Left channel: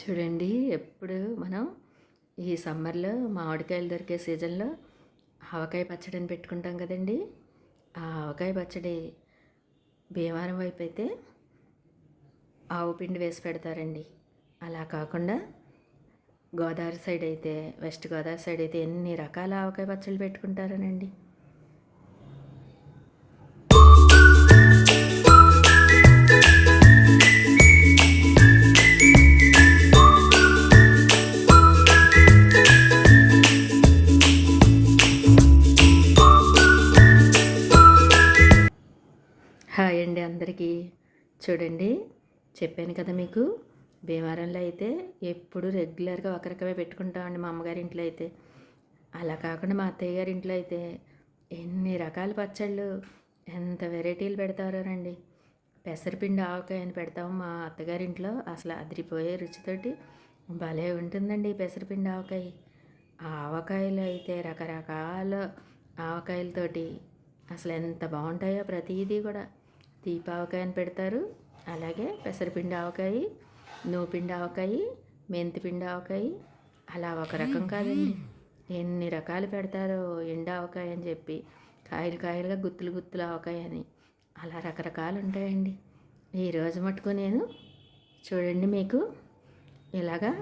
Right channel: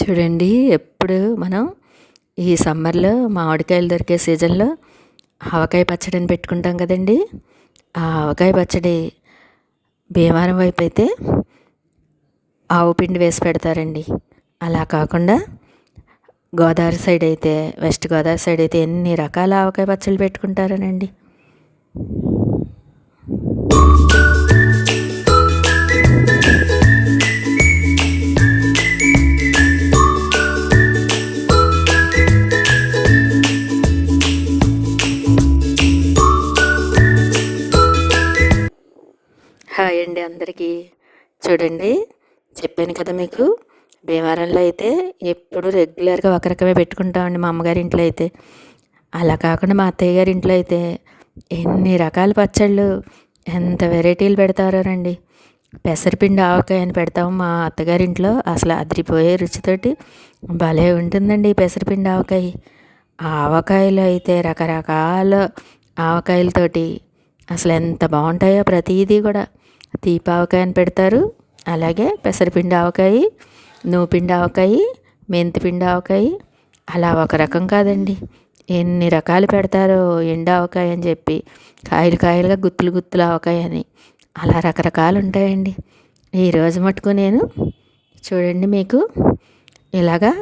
చూడండి, ఎప్పుడు మనం ఈ సమ్మర్లో మామిడికాయలు దొరికే సీజన్లో ఆవకాయ పచ్చడిని పెట్టుకుంటాం కదండి. ఆ ఆవకాయ పచ్చడి భీమవరం వైపు అయితే ఆవు పిండి వేసి పెడతారండి. అలా కాకుండా గోదావరి సైడ్ అయితే, వెస్ట్ గోదావరి సైడ్ అయితే ఎన్ని రకాల ఆవకాయ పచ్చళ్ళు పెట్టుకుంటారనండి. హాయ్ అండి అందరికీ. చూడండి, చెప్పాను కదా మీకు, భీమవరంలో అయితే ఎప్పుడు రెగ్యులర్గా ఒక రకమే పెట్టుకుంటామండి. మా అమ్మగారి ఇంట్లో అయితే అలా కాకుండా మా అత్తయ్య గారి ఇంట్లో అయితే ఎన్ని రకాల పచ్చళ్ళు, ఎంత వెరైటీలు పెడతారోనండి. పెసరపిండి ఆవకాయ అని పెడతాము మా అత్తగారింట్లో. అసలు అదిరిపోయే రుచితోటి భలే ఉంటుందండి ఈ పెసరపిండి ఆవకాయ. ఆ ఆవకాయలు అయితే రకరకాల ఆవకాయలతోటి అసలు ఎంత బాగుంటాయో. ప్రతిదీ కూడా తీపావకాయ అని పెడతారు, అలాగే పెసరపిండి ఆవకాయ, నూపిండి ఆవకాయ, మెంతిపిండి ఆవకాయ. అలా ఒక రకం కాదండి, ఎన్ని రకాలు పెడతారో. ఎండు ఆవకాయ అని చెప్పి, కాయలు కాయలుగా గుత్తులు గుత్తులు ఆవకాయ అని, అలా రకరకాలు ఉంటాయండి. ఈరోజు మటుకు నేను చూడండి మీకు ఇలాగా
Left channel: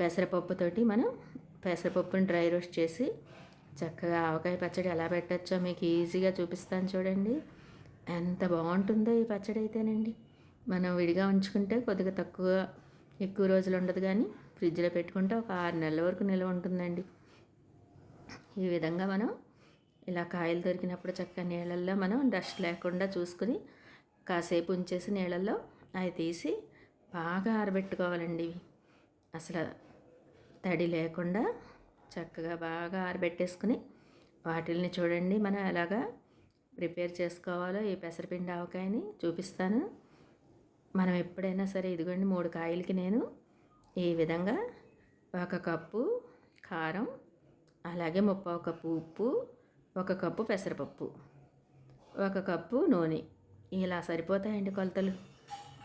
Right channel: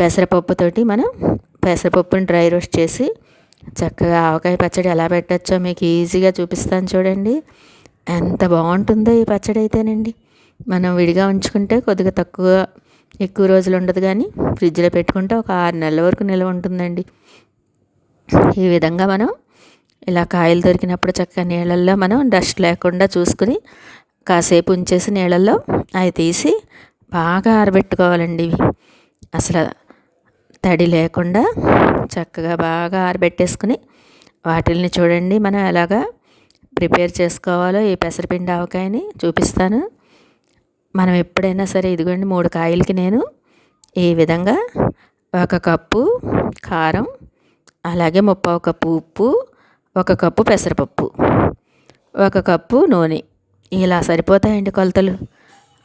పెసరపప్పుతోటి మనం పెసరపప్పుని డ్రై రోస్ట్ చేసి చక్కగా ఆవకాయ పచ్చడి ఎలా పెట్టచ్చో మీకు ఈజీగా చూపిస్తాను. చూడండి ఎంత బాగుంటుందో ఈ పచ్చడి అయితేనండి. మనం విడిగా ఉంచుకుంటే కొద్దిగా ఎక్కువ రోజులు ఉండదు, కానీ ఫ్రిడ్జ్లో పెట్టుకుంటే ఒక 6 నెలల వరకు నిల్వ ఉంటుందండి. ఈ విధంగా మనం ఇలా కాయలు దొరికినప్పుడు చక్కగా నీళ్ళల్లో మనం డస్ట్ లేకుండా చూసుకుని కాసేపు ఉంచేసి నీళ్ళల్లో అవి తీసి బాగా ఆరబెట్టుకోవాలండి. ఇవి అసలు తడి లేకుండా చక్కగా బాగా ఆరబెట్టేసుకుని వాటిల్ని చూడండి మనం ఎలాగా ప్రిపేర్ చేసుకోవాలో ఈ పెసరపిండి ఆవకాయని చూపిస్తాను. మనం ఎప్పుడైనా సరే ఇదిగోండి 3 కాయలకి నేను ఈ విధంగా 1 కప్పు కారం, అలాగే 1/2 కప్పు ఉప్పు, 1 కప్పు పెసరపప్పు, 1 కప్పు నూనె, ఇలా సరిపోతాయండి కొలతలు.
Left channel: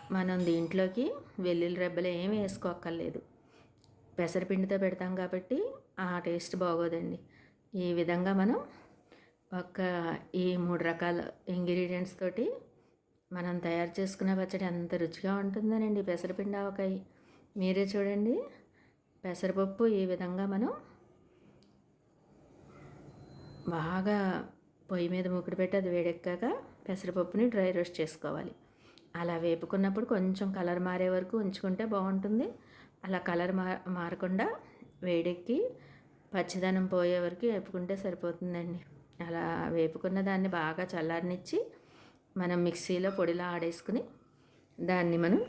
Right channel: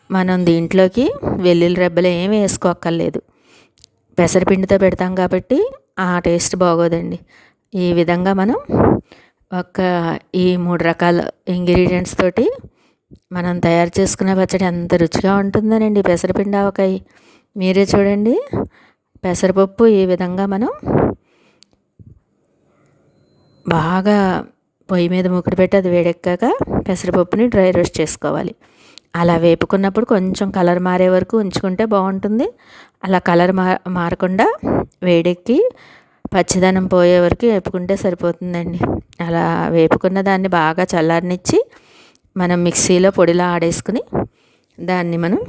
మనం దీంట్లోకి వెల్లుల్లి రెబ్బలు ఏమీ వేసుకోక్కర్లేదు. పెసరపిండితో పెడతాం కాబట్టి ఆ టేస్ట్ బాగోదండి. ఈ విధంగా మనం ఈ 3 రకాల ఇంగ్రీడియంట్స్ తోటి మనం తయారు చేసుకునే పచ్చడి ఎంత రుచిగా ఉంటుందోనండి పెసరపిండి ఆవకాయ. మీరే చూడండి, పెసరపప్పు ఈ విధంగా మనం బాగా పొయ్యి మీద మూకుడు పెట్టి అది వేడెక్కాక పెసరపప్పుని డ్రై రోస్ట్ చేసుకోవాలి. అలా వేపుకున్నప్పుడు కొంచెం కలర్ మారే వరకు ఉంచుకుంటే బాగుంటుంది. అలా కలర్ మారకుండా వేడెక్కి పచ్చిదనం పోయే వరకు వేపుకుంటే సరిపోతుందండి. అలా వేపుకున్న దాన్ని బాగా చల్లారనిచ్చి మనం మిక్సీలో పొడిలా ఆడేసుకుని దాన్ని మనం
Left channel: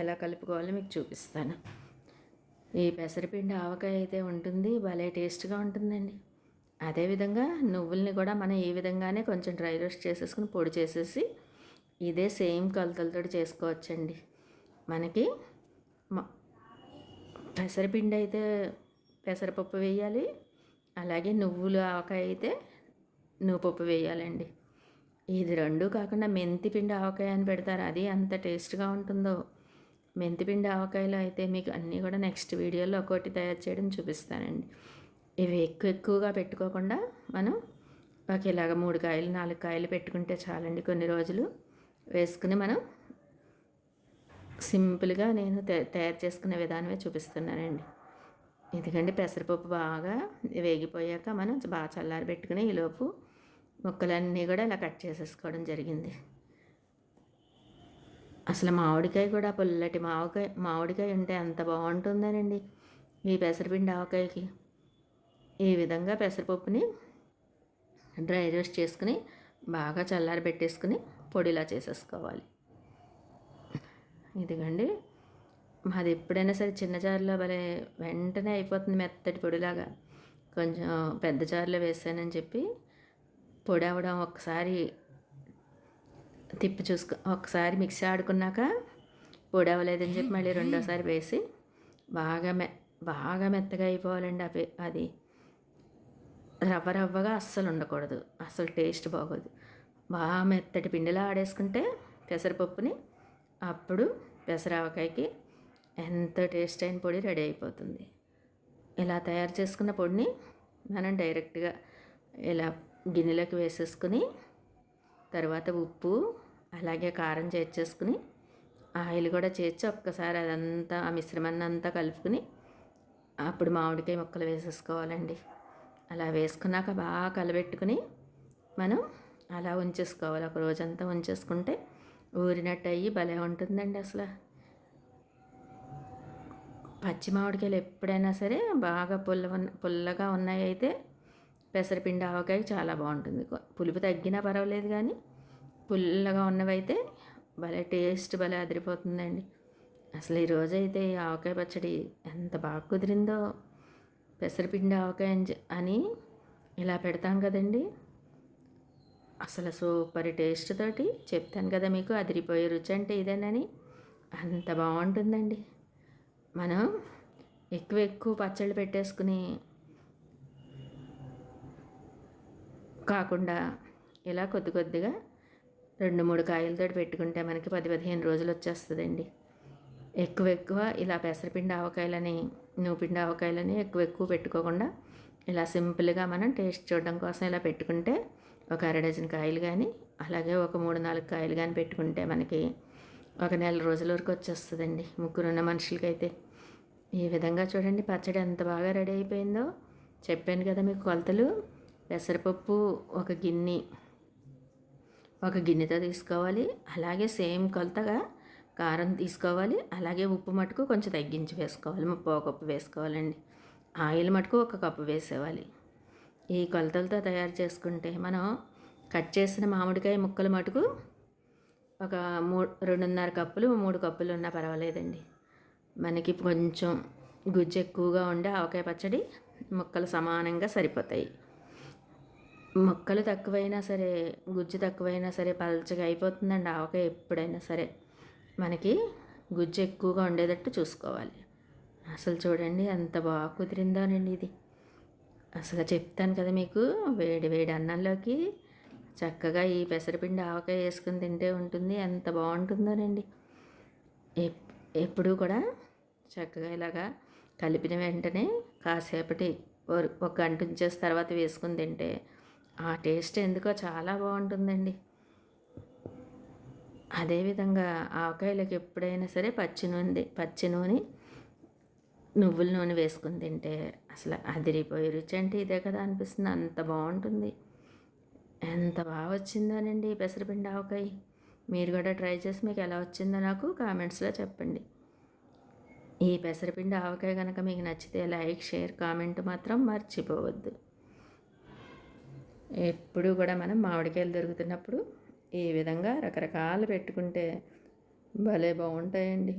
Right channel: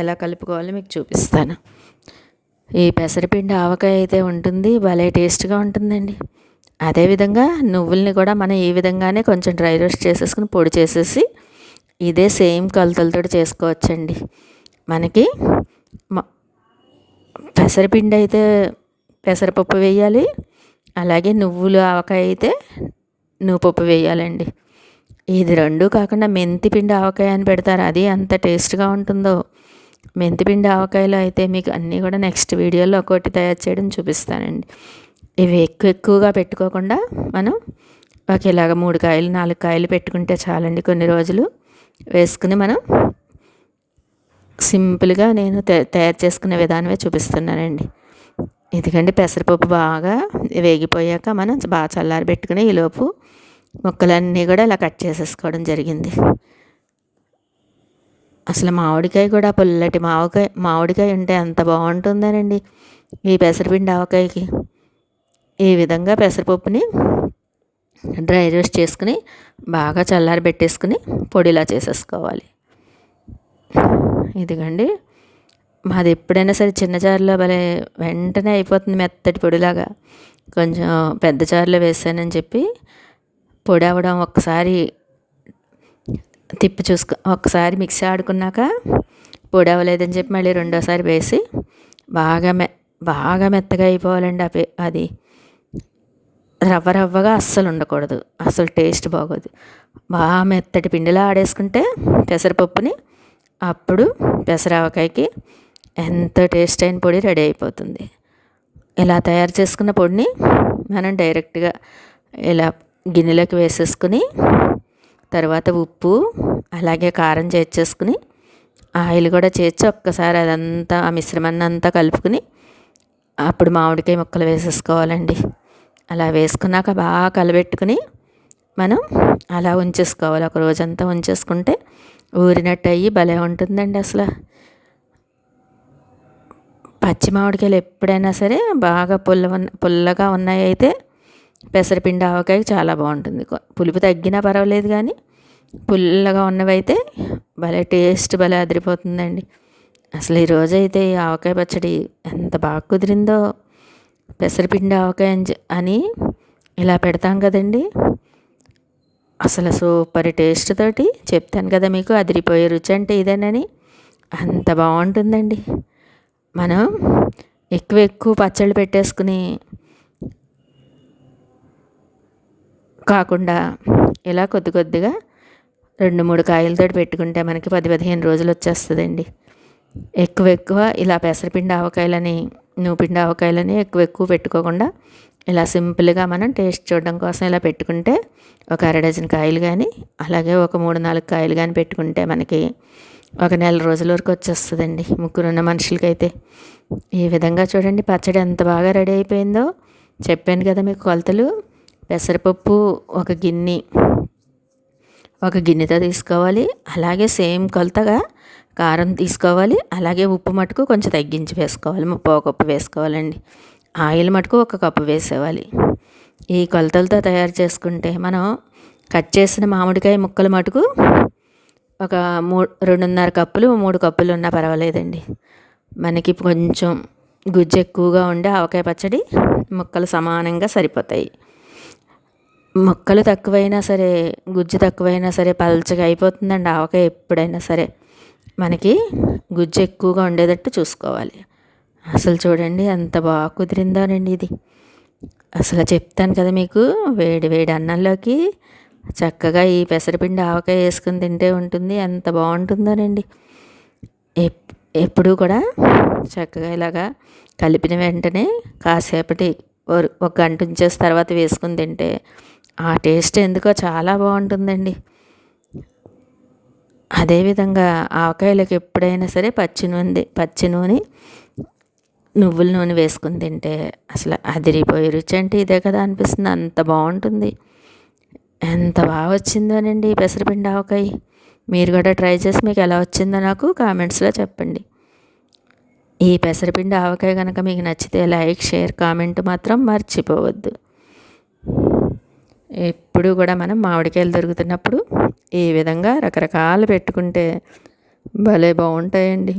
ఎలా కలుపుకోవాలో మీకు చూపిస్తాను. ఈ పెసరపిండి ఆవకాయ అయితే ఉంటుంది, భలే టేస్ట్గా ఉంటుందండి. అదేవిధంగా నువ్వుల్ని కూడా మనం ఈ విధంగానే కొంచెం డ్రై రోస్ట్ చేసేసుకుని పొడి చేసేసి ఇదే సేమ్ కొలతలతో చేసుకోవచ్చండి. మనకి పెసరపిండి అయితే పెసరపప్పు వేయాలి, అలాగే నువ్వులు ఆవకాయ అయితే నువ్వుపప్పు వేయాలండి. ఇది 2 కాకుండా మెంతిపిండి ఆవకాయ అని పెడతారు, అది అంత టేస్ట్గా ఉంటుందో. మెంతిపిండి ఆవకాయలో అయితే మీకు అన్నీ కూడా నెక్స్ట్ వీడియోలో ఒక్కొక్కటి తయారు చేయడం చూపిస్తానండి. ఇవి ఎక్కువగా పెట్టుకోకుండా మనం ఇలాగ 3 కాయలు 4 కాయలు పెట్టుకుంటే చాలండి. కొన్ని రోజులు వేసుకుని మనం సింపుల్గా నేను తయారు చేసుకునే విధానమే చూపిస్తున్నానండి. ఎందుకంటే పెసరపప్పు బాగా వేగిపోయాక మనం బాగా చల్లారి పెట్టుకుని ఈలోపు ముక్కలన్నీ కూడా ఇలా కట్ చేసేసుకోవడం జరిగింది. అసలు మామిడికాయ కూడా పుల్లటి మామిడికాయ ఉంటే ఎంత బాగుంటుందోనండి ఈ పెసరపిండి ఆవకాయకి. ఈ విధంగా పెసరపప్పుని డ్రై రోస్ట్ చేసుకుని బాగా చల్లారి పెట్టేసుకుని పొడిలా చేసేసుకోవాలి. ఇదిగండి, మాది ఎప్పుడైనా సరే చిన్న జారులో భలే వెంటనే అయిపోతుంది మెత్తటి పొడిలాగా. కొంచెం పెద్ద జారులో వేసానని చెప్పి పొడి అవ్వడం ఒక్కసారి తిప్పి ఒక్కసారి మిక్సీ ఆడుకున్నాక పొడి అవ్వలేదని చెప్పి మళ్ళీ రెండోసారి వేసి బాగా మెత్తగా అయిపోవాలండి. అది రవ్వగా అస్సలు ఉండకూడదు, అసలు టేస్ట్ బాగోదు. బాగా మెత్తటి పిండిలా ఆడేసుకుంటే పెసరపప్పుని అప్పుడు పెసరావకాయకి ఎంతో టేస్ట్ అయిన పొడి రెడీ అయిపోతుంది. ఇలా తయారు చేసుకున్న పొడిని మనం డైరెక్ట్గా ఇలా గిన్నెలోకి వేసేసుకుని తర్వాత ఉప్పు అలాగే కారం చేర్చేసుకుని ఆయిల్ కూడా చేర్చి ఒక్కసారి అదంతా ఆ మిశ్రమాన్ని అంతా కలుపుకుని అప్పుడు మామిడికాయ ముక్కలు వేసేసుకోవాలండి. అలా వేసుకున్నాక బాగా కలబెట్టుకుని మనం అలా ఉంచేసుకోవాలి. ఒక రోజంతా ఉంచేసుకుంటే ఊరినట్టు అయ్యి భలే ఉంటుందండి. అసలు పచ్చి మామిడికాయలు ఎప్పుడైనా సరే బాగా పుల్లగా ఉన్నాయి అయితే పెసరపిండి ఆవకాయ చాలా బాగుంటుంది. పులుపు తగ్గినా పర్వాలేదు కానీ పుల్లగా ఉన్నవైతే భలే టేస్ట్ భలే అదిరిపోతుందండి. అసలు ఈరోజు అయితే ఈ ఆవకాయ పచ్చడి ఎంత బాగా కుదిరిందో. పెసరపిండి ఆవకాయ అని ఇలా పెడతాం కదండి, అసలు సూపర్ టేస్ట్ తోటి చెప్తాను కదా మీకు, అదిరిపోయే రుచి అంటే ఇదేనని. అంత బాగుంటుందండి. మనం ఎక్కువ పచ్చళ్ళు పెట్టేసుకుని కాకుండా ఇలా కొద్దిగా 2-3 కాయలతో పెట్టుకుంటే మనకి 10-15 రోజులు వచ్చేస్తుందండి. ఎక్కువ ఇలా పెసరపిండి ఆవకాయలని నూపిండి ఆవకాయలని ఎక్కువ పెట్టుకోకుండా ఇలా సింపుల్గా మనం టేస్ట్ చూడడం కోసం ఇలా పెట్టుకుంటే ఒక 1/2 డజన్ కాయలు కానీ అలాగే ఒక 3-4 కాయలు కానీ పెట్టుకుంటే మనకి ఒక నెల రోజుల వరకు వచ్చేస్తుందండి. ముగ్గురున్న మనుషులకైతే. ఈ విధంగా చూడండి పచ్చడి ఎంత బాగా రెడీ అయిపోయిందో. చెప్పాను కదా మీకు కొలతలు. పెసరపప్పు ఒక గిన్నెతో తీసుకోవాలి. అలాగే సేమ్ కొలతగా కారం తీసుకోవాలి. అలాగే ఉప్పు మటుకు కొంచెం తగ్గించి వేసుకోవాలి. 3/4 కప్పు వేసుకోవాలండి. ఆయిల్ మటుకు 1 కప్పు వేసేవాలి. ఈ కొలతలతో తయారు చేసుకుంటే మనం కట్ చేసిన మామిడికాయ ముక్కలు మటుకు ఒక 2.5 కప్పులు 3 కప్పులు ఉన్నా పర్వాలేదండి. మనకి కొంచెం గుజ్జు ఎక్కువగా ఉండే ఆవకాయ పచ్చడి ముక్కలు సమానంగా సరిపోతాయి. ముక్కలు తక్కువైనా సరే గుజ్జు తక్కువైనా సరే పల్చగా అయిపోతుందండి ఆవకాయ. ఎప్పుడైనా సరే మనకి గుజ్జు ఎక్కువగా ఉండేటట్టు చూసుకోవాలి. అసలు చూడండి ఎంత బాగా కుదిరిందోనండి ఇది. అసలు చెప్తాను కదా మీకు, వేడి వేడి అన్నంలోకి చక్కగా ఈ పెసరపిండి ఆవకాయ వేసుకుని తింటే ఉంటుంది. ఎంత బాగుంటుందోనండి. ఎప్పుడూ కూడా చక్కగా ఇలాగా కలిపిన వెంటనే కాసేపటి ఒక గంట ఉంచేసి తర్వాత వేసుకుని తింటే ఆ టేస్ట్ ఎందుకో చాలా బాగుంటుందండి. అదేవిధంగా ఆవకాయలకు ఎప్పుడైనా సరే పచ్చి నూనె నువ్వుల నూనె వేసుకుని తింటే అసలు అదిరిపోయే రుచి అంటే ఇదే కదా అనిపిస్తుంది. అంత బాగుంటుంది. ఎంత బాగా వచ్చిందోనండి ఈ పెసరపిండి ఆవకాయ. మీరు కూడా ట్రై చేసి మీకు ఎలా వచ్చిందో నాకు కామెంట్స్లో చెప్పండి. ఈ పెసరపిండి ఆవకాయ కనుక మీకు నచ్చితే లైక్, షేర్, కామెంట్ మాత్రం మర్చిపోవద్దు. ఎప్పుడు కూడా మనం మామిడికాయలు దొరుకుతున్నప్పుడు ఈ విధంగా రకరకాలు పెట్టుకుంటే భలే బాగుంటాయండి.